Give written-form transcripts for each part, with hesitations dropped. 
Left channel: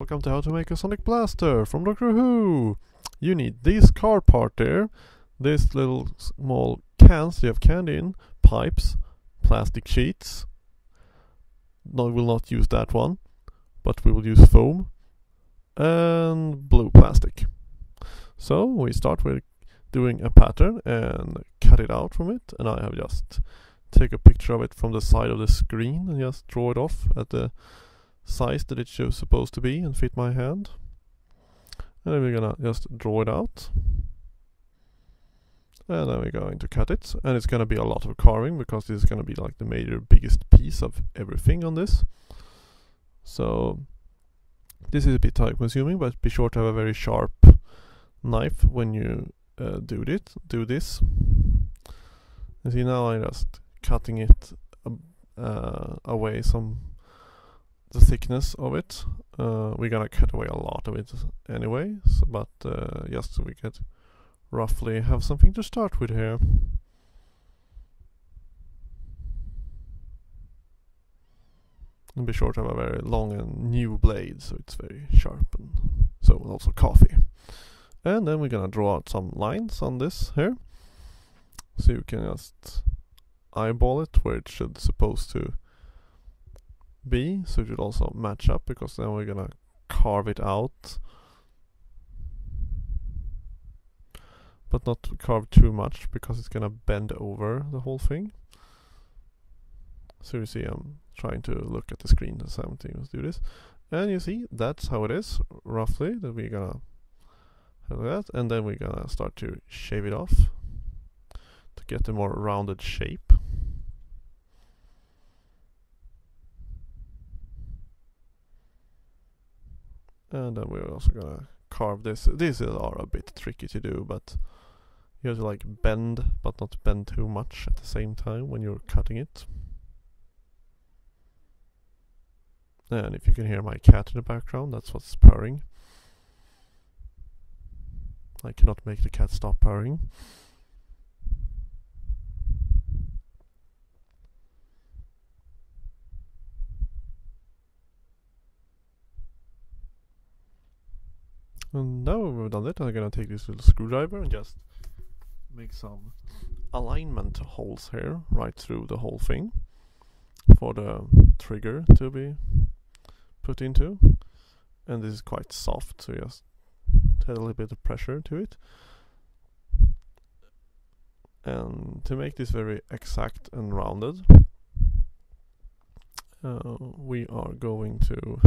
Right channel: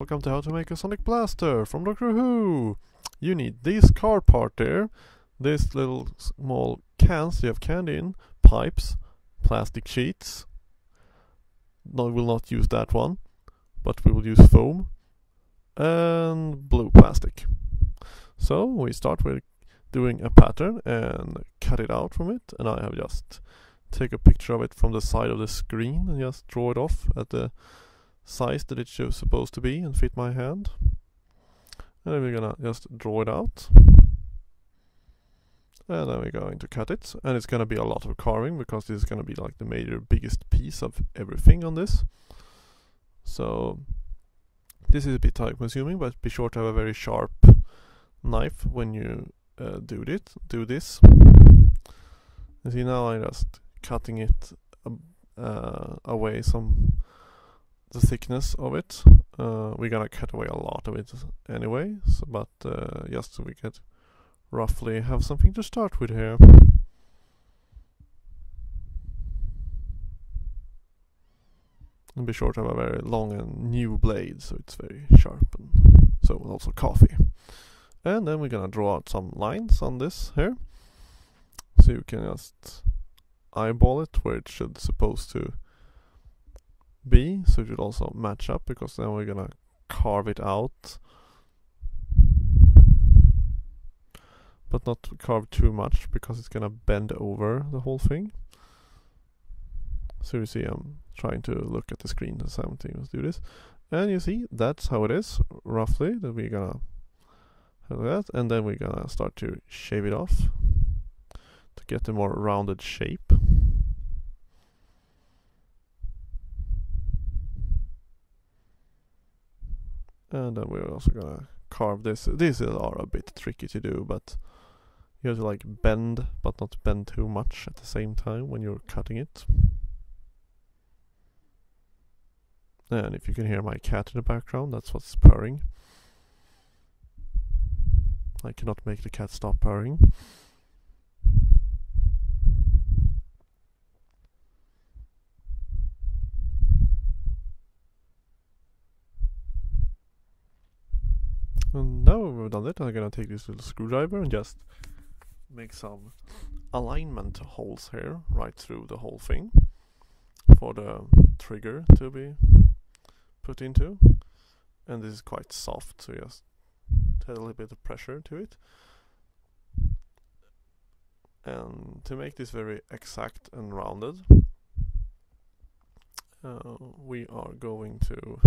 Welcome to how to make a sonic blaster from Doctor Who. You need this car part there, this little small cans you have candy in, pipes, plastic sheets. No, we will not use that one, but we will use foam and blue plastic. So we start with doing a pattern and cut it out from it, and I have just take a picture of it from the side of the screen and just draw it off at the size that it's supposed to be and fit my hand. And then we're gonna just draw it out, and then we're going to cut it, and it's gonna be a lot of carving because this is gonna be like the major biggest piece of everything on this. So this is a bit time consuming, but be sure to have a very sharp knife when you do this. You see, now I'm just cutting it away some the thickness of it. We're gonna cut away a lot of it anyway, but just so we could roughly have something to start with here. And be sure to have a very long and new blade, so it's very sharp, and so also coffee. And then we're gonna draw out some lines on this here, so you can just eyeball it where it should supposed to be, so it should also match up, because then we're gonna carve it out, but not carve too much because it's gonna bend over the whole thing. So you see, I'm trying to look at the screen the same thing. Let's do this, and you see that's how it is roughly. That we're gonna have that, and then we're gonna start to shave it off to get a more rounded shape. And then we're also gonna carve this. These are a bit tricky to do, but you have to like bend, but not bend too much at the same time when you're cutting it. And if you can hear my cat in the background, that's what's purring. I cannot make the cat stop purring. And now we've done it, I'm gonna take this little screwdriver and just make some alignment holes here right through the whole thing for the trigger to be put into. And this is quite soft, so just add a little bit of pressure to it. And to make this very exact and rounded, we are going to,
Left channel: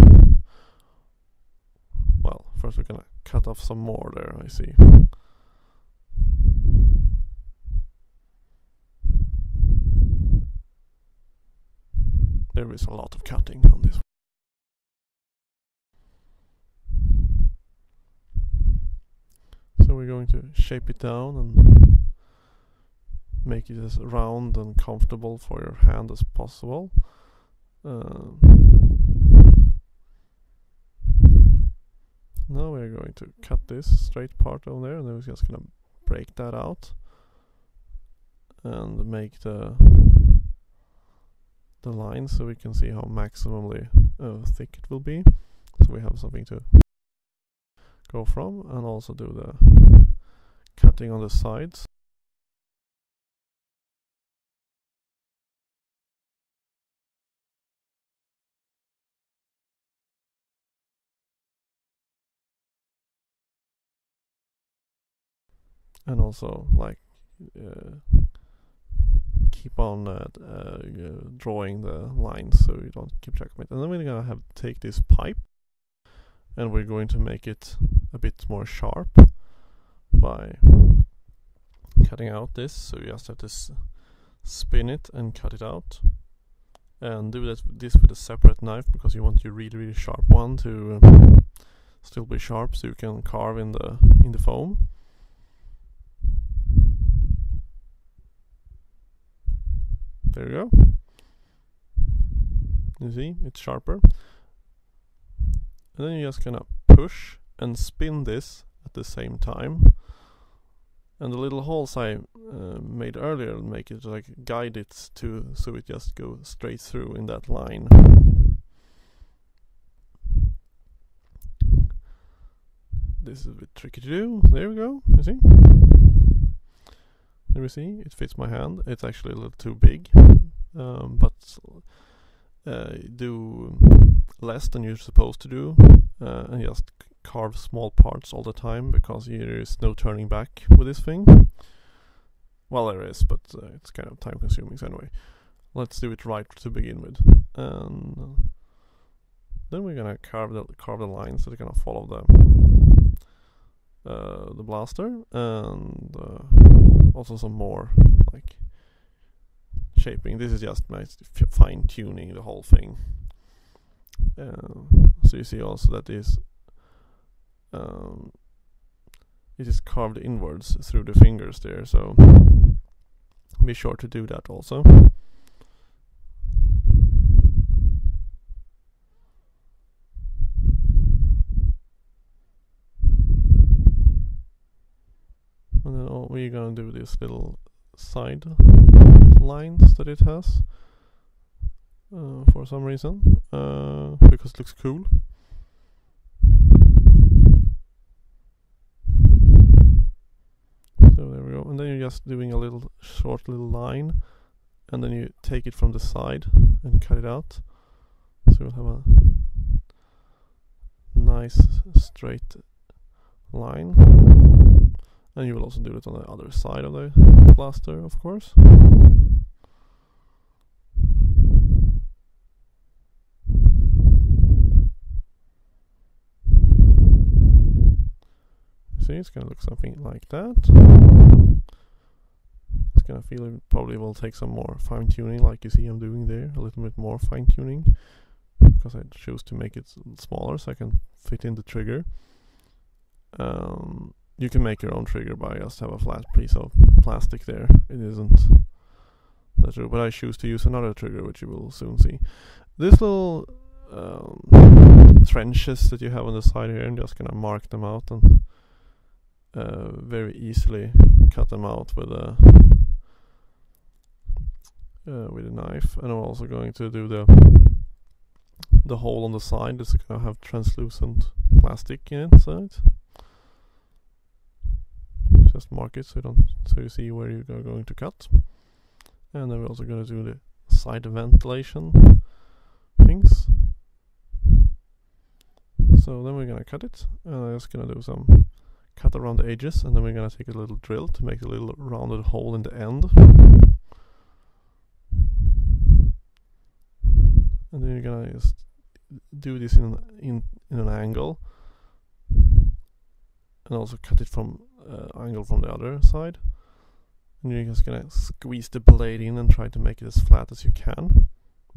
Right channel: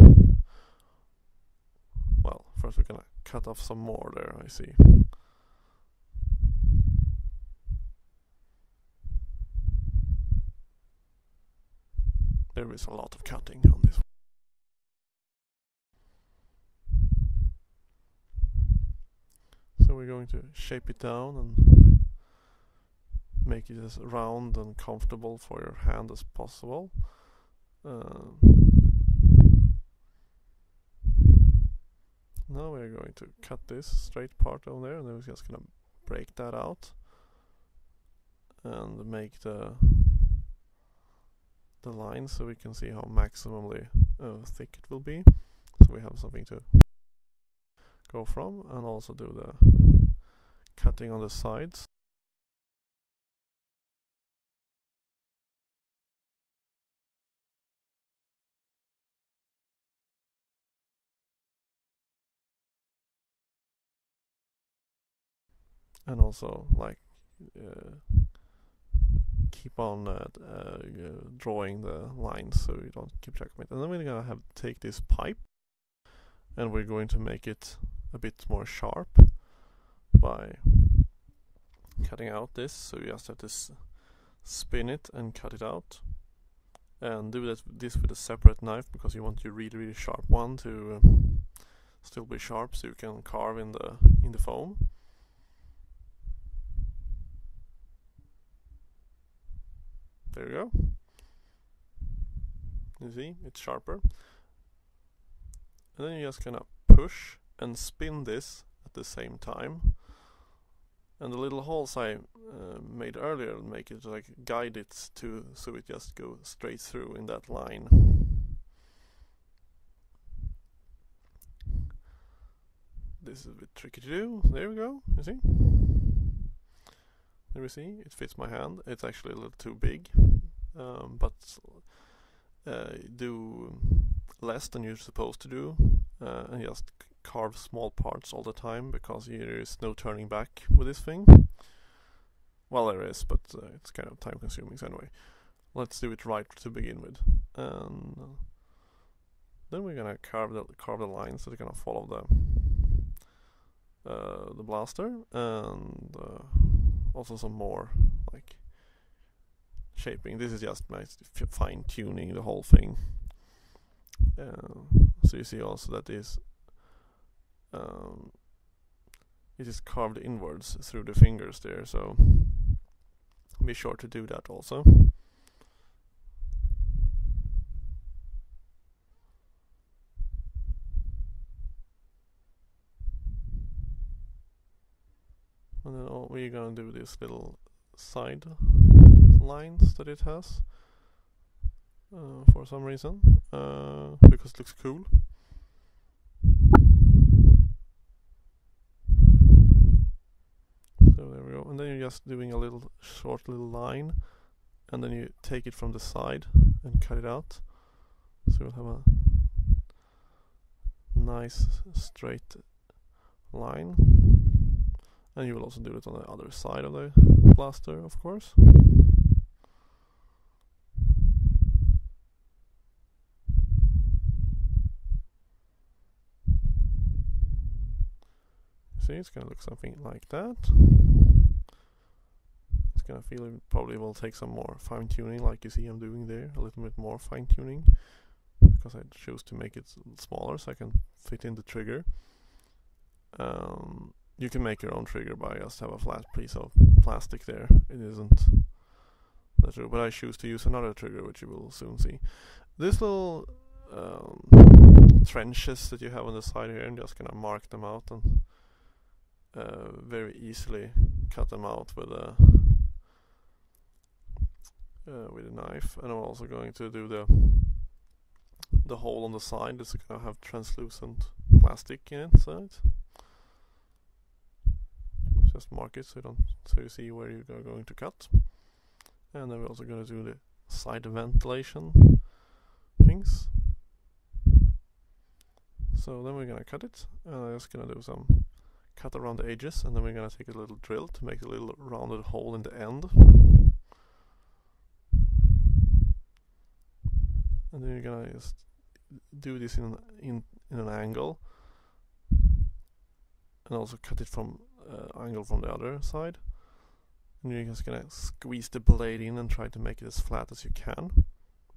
well, first we're gonna cut off some more there, I see. There is a lot of cutting on this. So we're going to shape it down and make it as round and comfortable for your hand as possible. Now we're going to cut this straight part on there, and then we're just gonna break that out and make the line so we can see how maximally thick it will be. So we have something to go from, and also do the cutting on the sides. And also like keep on drawing the lines so you don't keep track of it. And then we're gonna have to take this pipe, and we're going to make it a bit more sharp by cutting out this. So you just have to spin it and cut it out, and do this with a separate knife, because you want your really sharp one to still be sharp, so you can carve in the foam. There you go. You see, it's sharper. And then you're just gonna push and spin this at the same time. And the little holes I made earlier make it like guide it to, so it just goes straight through in that line. this is a bit tricky to do. There we go, you see? There we see, it fits my hand. It's actually a little too big, but do less than you're supposed to do, and just carve small parts all the time, because there is no turning back with this thing. Well, there is, but it's kind of time consuming, so anyway. Let's do it right to begin with. And then we're gonna carve the lines that are gonna follow the blaster, and also some more like shaping. This is just nice fine tuning the whole thing. So you see also that it is carved inwards through the fingers there, so be sure to do that also. And then we're gonna do these little side lines that it has for some reason, because it looks cool. So there we go, and then you're just doing a little short little line, and then you take it from the side and cut it out, so you'll have a nice straight line. And you will also do it on the other side of the blaster, of course. See, it's gonna look something like that. It's gonna feel it probably will take some more fine tuning, like you see I'm doing there, a little bit more fine tuning, because I choose to make it smaller so I can fit in the trigger. You can make your own trigger by just have a flat piece of plastic there. It isn't that true, but I choose to use another trigger, which you will soon see. This little trenches that you have on the side here, I'm just gonna mark them out and very easily cut them out with a knife. And I'm also going to do the hole on the side. It's gonna have translucent plastic inside. Just mark it so you see where you are going to cut. And then we're also going to do the side ventilation things. So then we're going to cut it, and I'm just going to do some cut around the edges, and then we're going to take a little drill to make a little rounded hole in the end. And then you're going to just do this in an angle, and also cut it from angle from the other side, and you're just gonna squeeze the blade in and try to make it as flat as you can.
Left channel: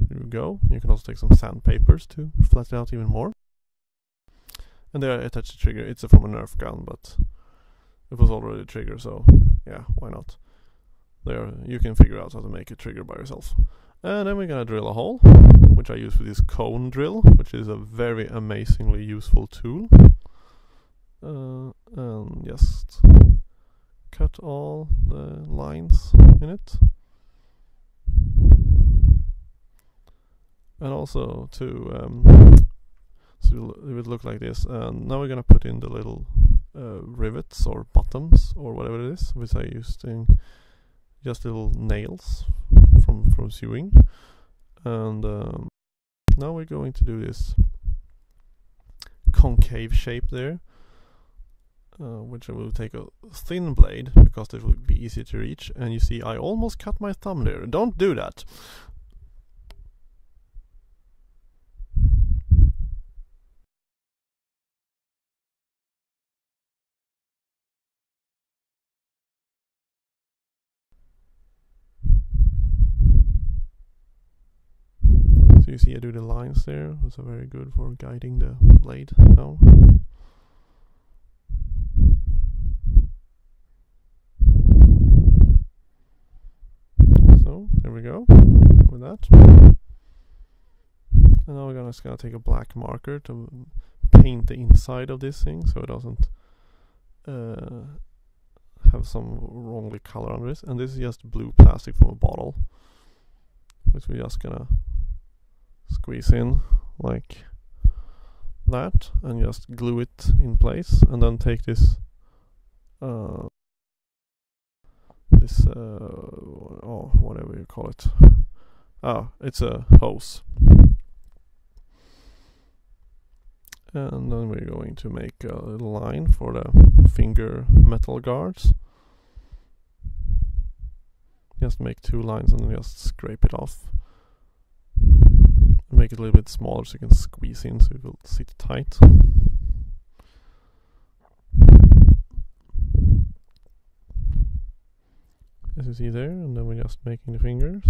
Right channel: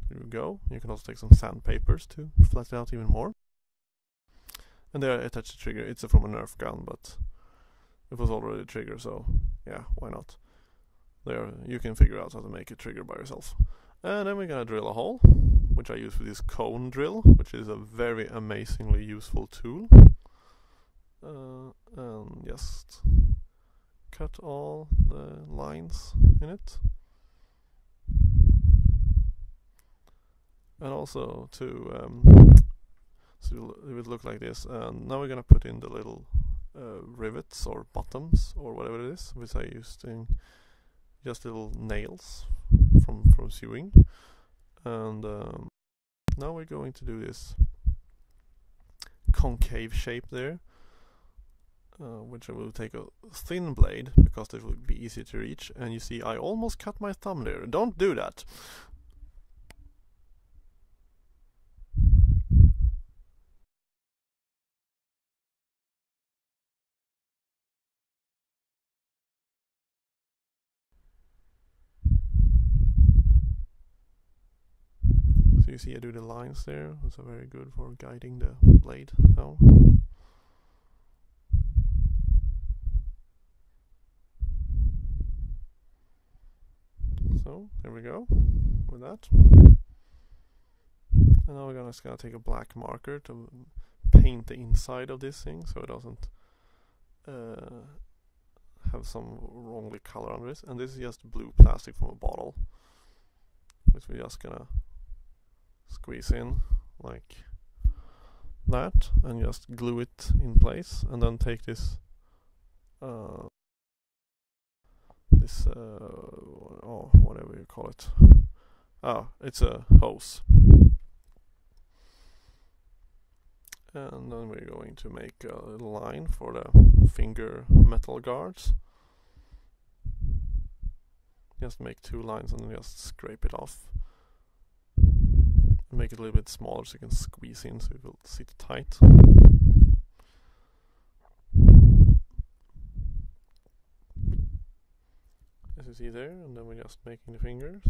There you go. You can also take some sandpapers to flatten it out even more. And there I attach the trigger. It's from a Nerf gun, but it was already a trigger, so yeah, why not? There, you can figure out how to make a trigger by yourself. And then we're gonna drill a hole, which I use with this cone drill, which is a very amazingly useful tool. And just cut all the lines in it, and also to so it would look like this. And now we're gonna put in the little rivets or bottoms or whatever it is, which I used in just little nails from sewing. And now we're going to do this concave shape there. Which I will take a thin blade, because it will be easier to reach. And you see I almost cut my thumb there. Don't do that! So you see I do the lines there. Those are very good for guiding the blade down. So there we go with that. And now we're just gonna take a black marker to paint the inside of this thing, so it doesn't have some wrongly color on this. And this is just blue plastic from a bottle, which we're just gonna squeeze in like that and just glue it in place, and then take this whatever you call it. It's a hose. And then we're going to make a little line for the finger metal guards. Just make 2 lines and then just scrape it off. Make it a little bit smaller so you can squeeze in so it will sit tight. As you see there, and then we're just making the fingers.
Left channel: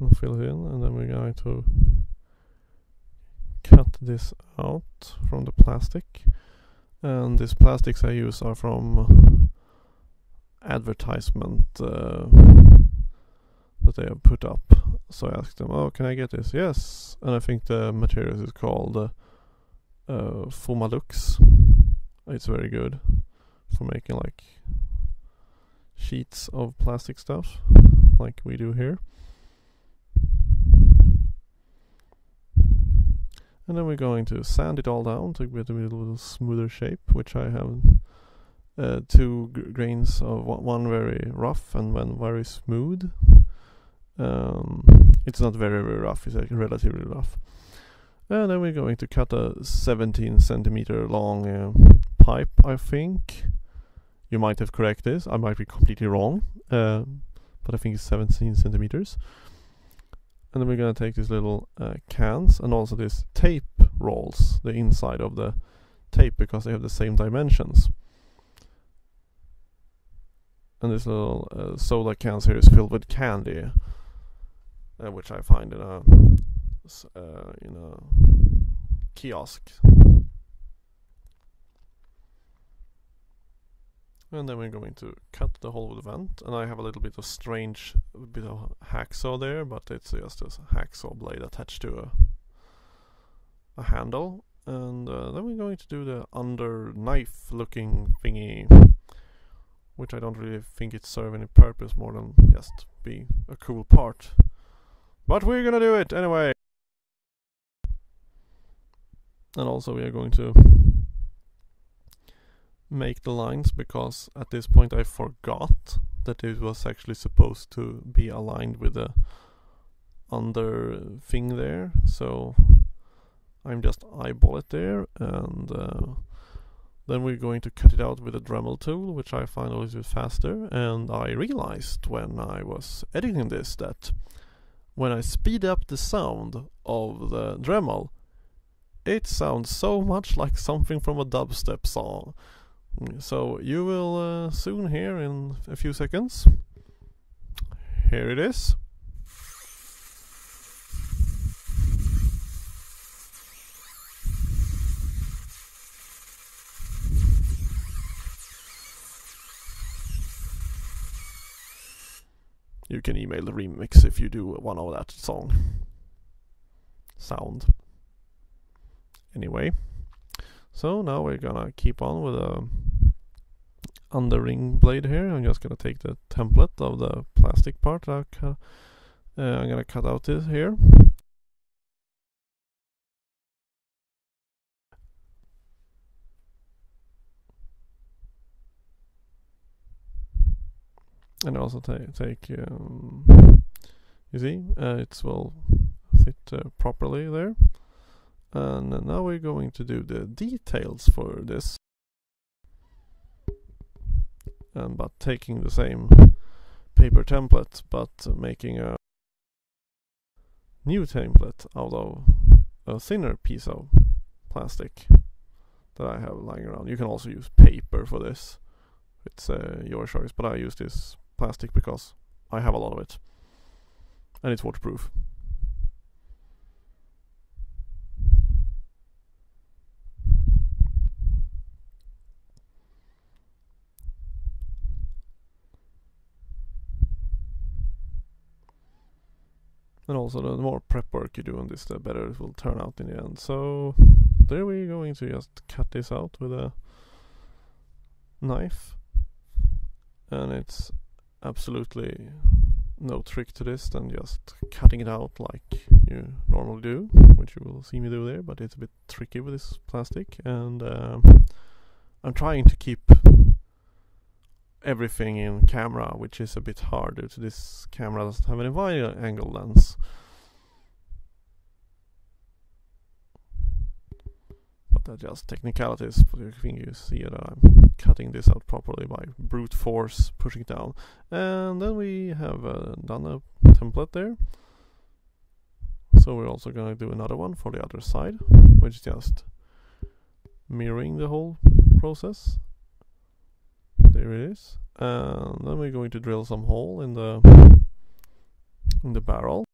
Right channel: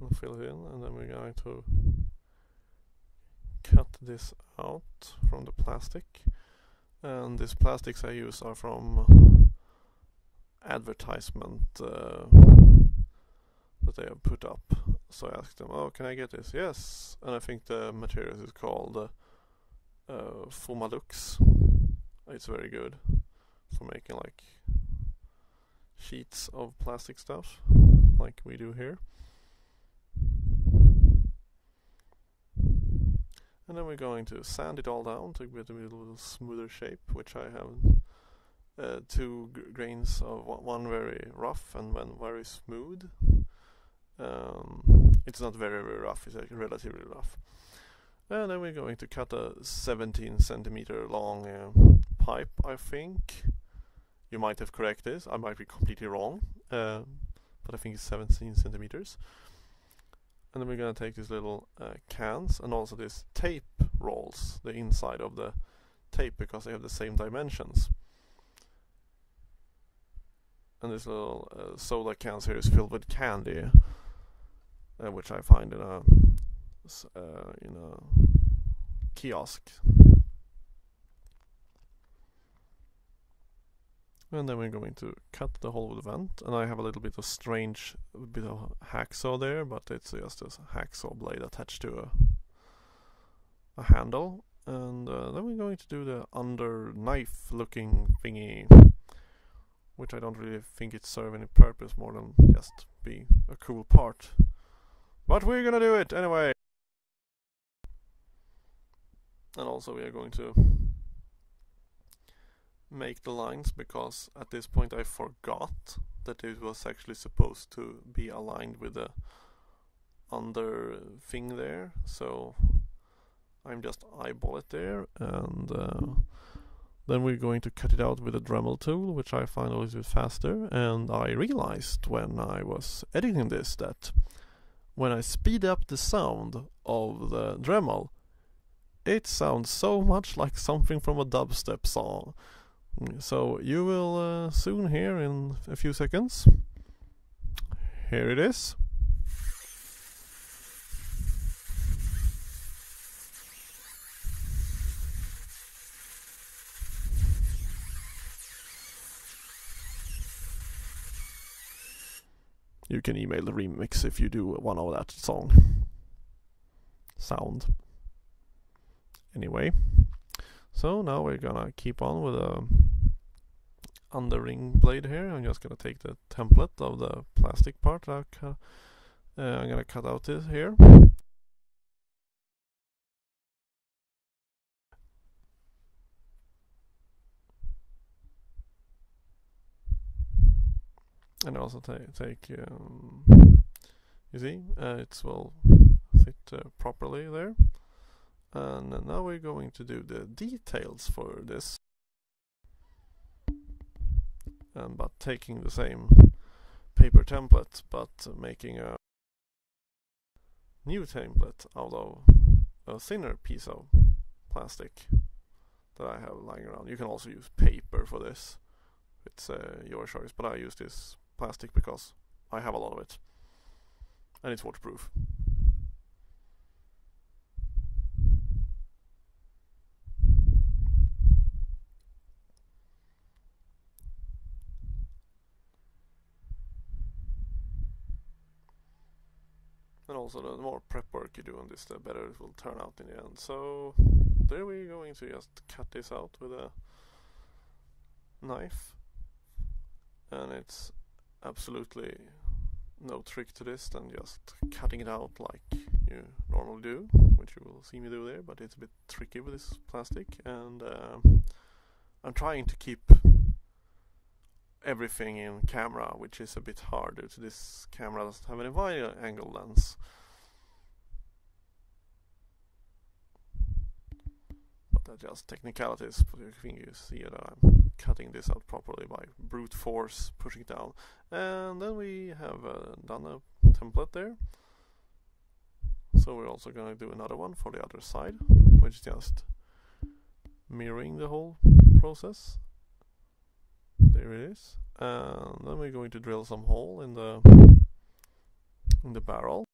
And fill it in, and then we're going to cut this out from the plastic. And these plastics I use are from advertisement that they have put up. So I asked them, oh, can I get this? Yes. And I think the material is called Fomalux. It's very good for making like sheets of plastic stuff like we do here. And then we're going to sand it all down to get a little smoother shape, which I have 2 grains of one very rough and one very smooth. It's not very rough, it's relatively rough. And then we're going to cut a 17 centimeter long pipe, I think. You might have corrected this, I might be completely wrong, but I think it's 17 centimeters. And then we're going to take these little cans and also these tape rolls, the inside of the tape, because they have the same dimensions. And this little soda cans here is filled with candy, which I find in a kiosk. And then we're going to cut the hole with the vent, and I have a little bit of hacksaw there, but it's just a hacksaw blade attached to a handle. And then we're going to do the under knife looking thingy, which I don't really think it serves any purpose more than just be a cool part. But we're gonna do it anyway! And also we are going to make the lines, because at this point I forgot that it was actually supposed to be aligned with the under thing there, so I'm just eyeball it there, and then we're going to cut it out with a Dremel tool, which I find a little bit faster. And I realized when I was editing this that when I speed up the sound of the Dremel, it sounds so much like something from a dubstep song. So you will soon hear in a few seconds. Here it is. You can email the remix if you do one of that sound. Anyway, so now we're gonna keep on with a underring blade here. I'm just gonna take the template of the plastic part. I'm gonna cut out this here. And also take you see, it will fit properly there. And now we're going to do the details for this, but taking the same paper template, but making a new template out of a thinner piece of plastic that I have lying around. You can also use paper for this, it's your choice, but I use this plastic because I have a lot of it and it's waterproof. And also the more prep work you do on this, the better it will turn out in the end. So there we're going to just cut this out with a knife, and it's absolutely no trick to this than just cutting it out like you normally do, which you will see me do there, but it's a bit tricky with this plastic, and I'm trying to keep everything in camera, which is a bit harder. So this camera doesn't have any wide angle lens. But that's just technicalities, but I think you see that I'm cutting this out properly by brute force, pushing it down. And then we have done a template there. So we're also going to do another one for the other side, which is just mirroring the whole process. There it is. And then we're going to drill some hole in the barrel.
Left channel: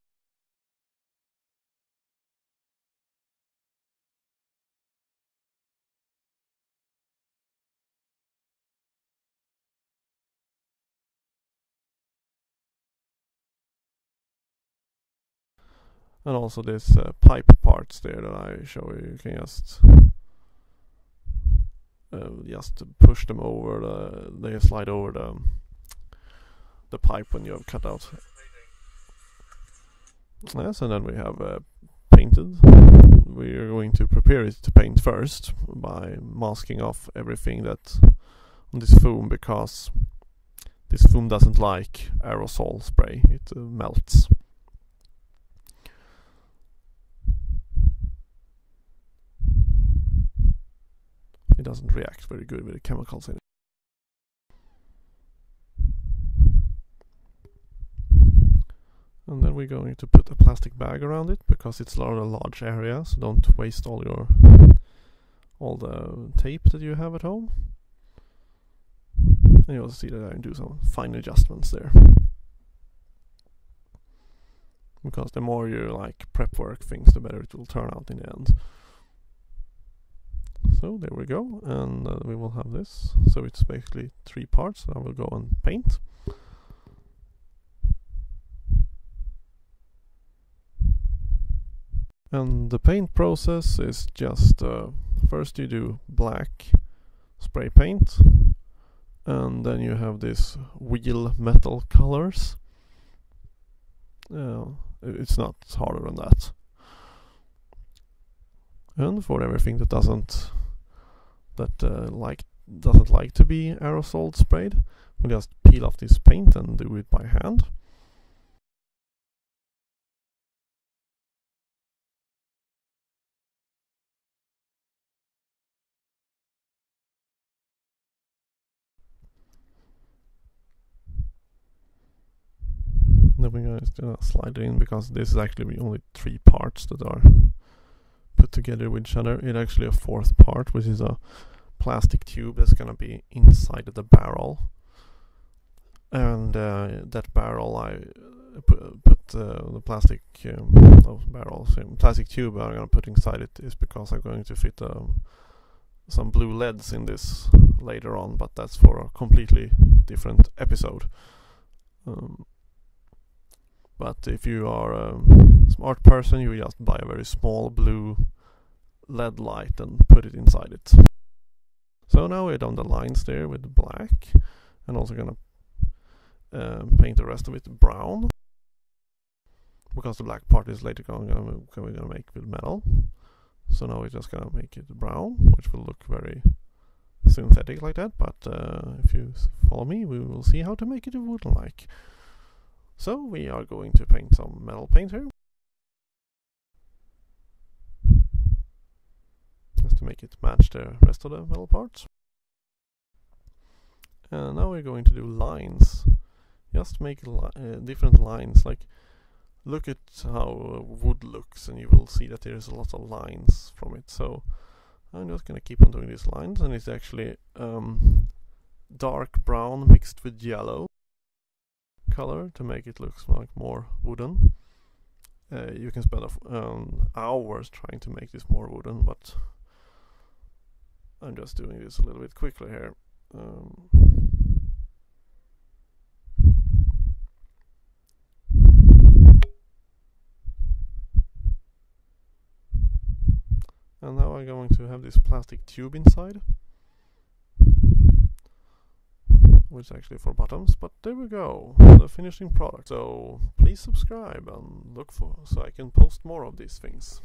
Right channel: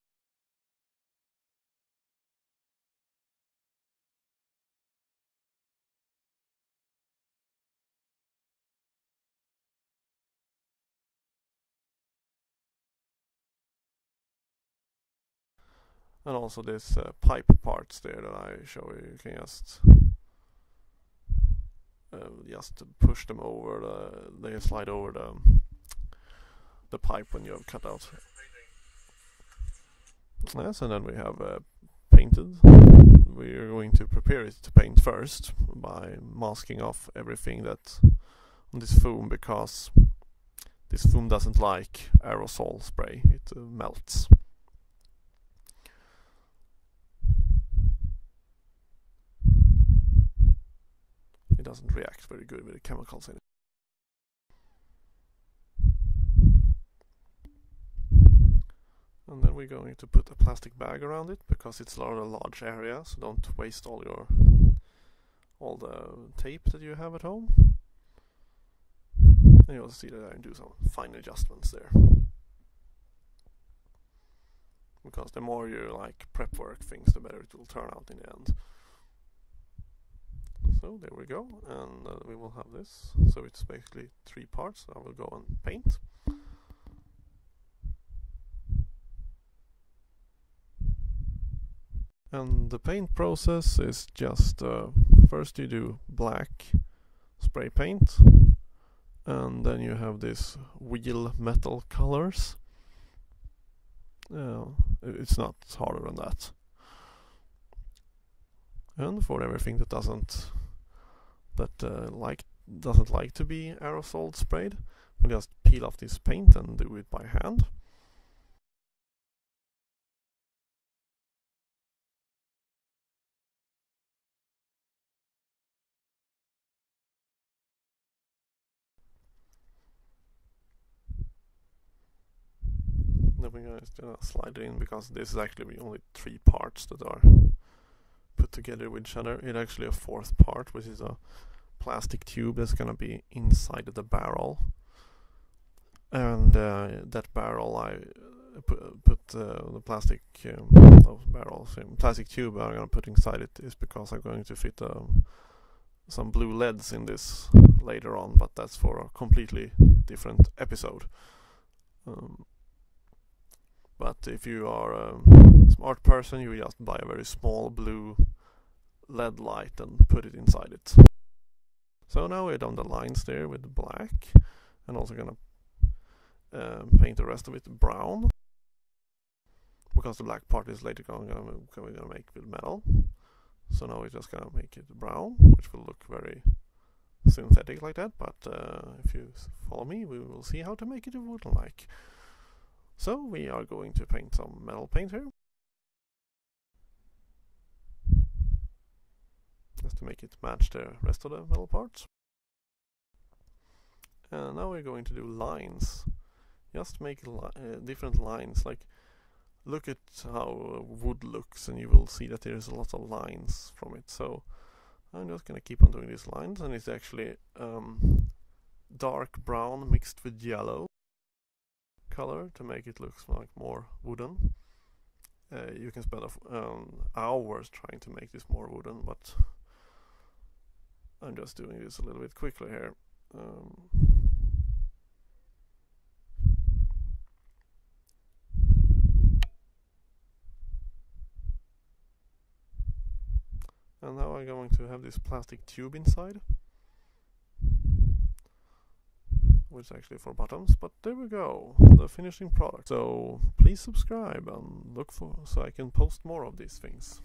And also this pipe parts there that I show you can just push them over they slide over the pipe when you have cut out. Yes, and then we have painted. We are going to prepare it to paint first by masking off everything that on this foam, because this foam doesn't like aerosol spray, it melts. It doesn't react very good with the chemicals in it. And then we're going to put a plastic bag around it, because it's a large area, so don't waste all the tape that you have at home. And you'll see that I do some fine adjustments there, because the more you prep work things, the better it will turn out in the end. So there we go, and we will have this. So it's basically 3 parts. I will go and paint. And the paint process is just first you do black spray paint, and then you have this wheel metal colors. It's not harder than that. And for everything that doesn't like to be aerosol sprayed, we just peel off this paint and do it by hand. Then we're going to slide it in, because this is actually only 3 parts that are put together with each other. It's actually a 4th part, which is a plastic tube that's going to be inside of the barrel. And that barrel, I put the plastic plastic tube I'm going to put inside it is because I'm going to fit some blue LEDs in this later on, but that's for a completely different episode. But if you are a smart person, you just buy a very small blue LED light and put it inside it. So now we're done the lines there with black, and also gonna paint the rest of it brown, because the black part is later we're gonna make with metal. So now we're just gonna make it brown, which will look very synthetic like that. But if you follow me, we will see how to make it wooden-like. So we are going to paint some metal paint here, just to make it match the rest of the metal parts. And now we're going to do lines, just make different lines. Like, look at how wood looks, and you will see that there's a lot of lines from it. So I'm just gonna keep on doing these lines, and it's actually dark brown mixed with yellow color to make it look like more wooden. You can spend hours trying to make this more wooden, but I'm just doing this a little bit quickly here. And now I'm going to have this plastic tube inside. which is actually for buttons, but there we go, the finishing product. So please subscribe and look for so I can post more of these things.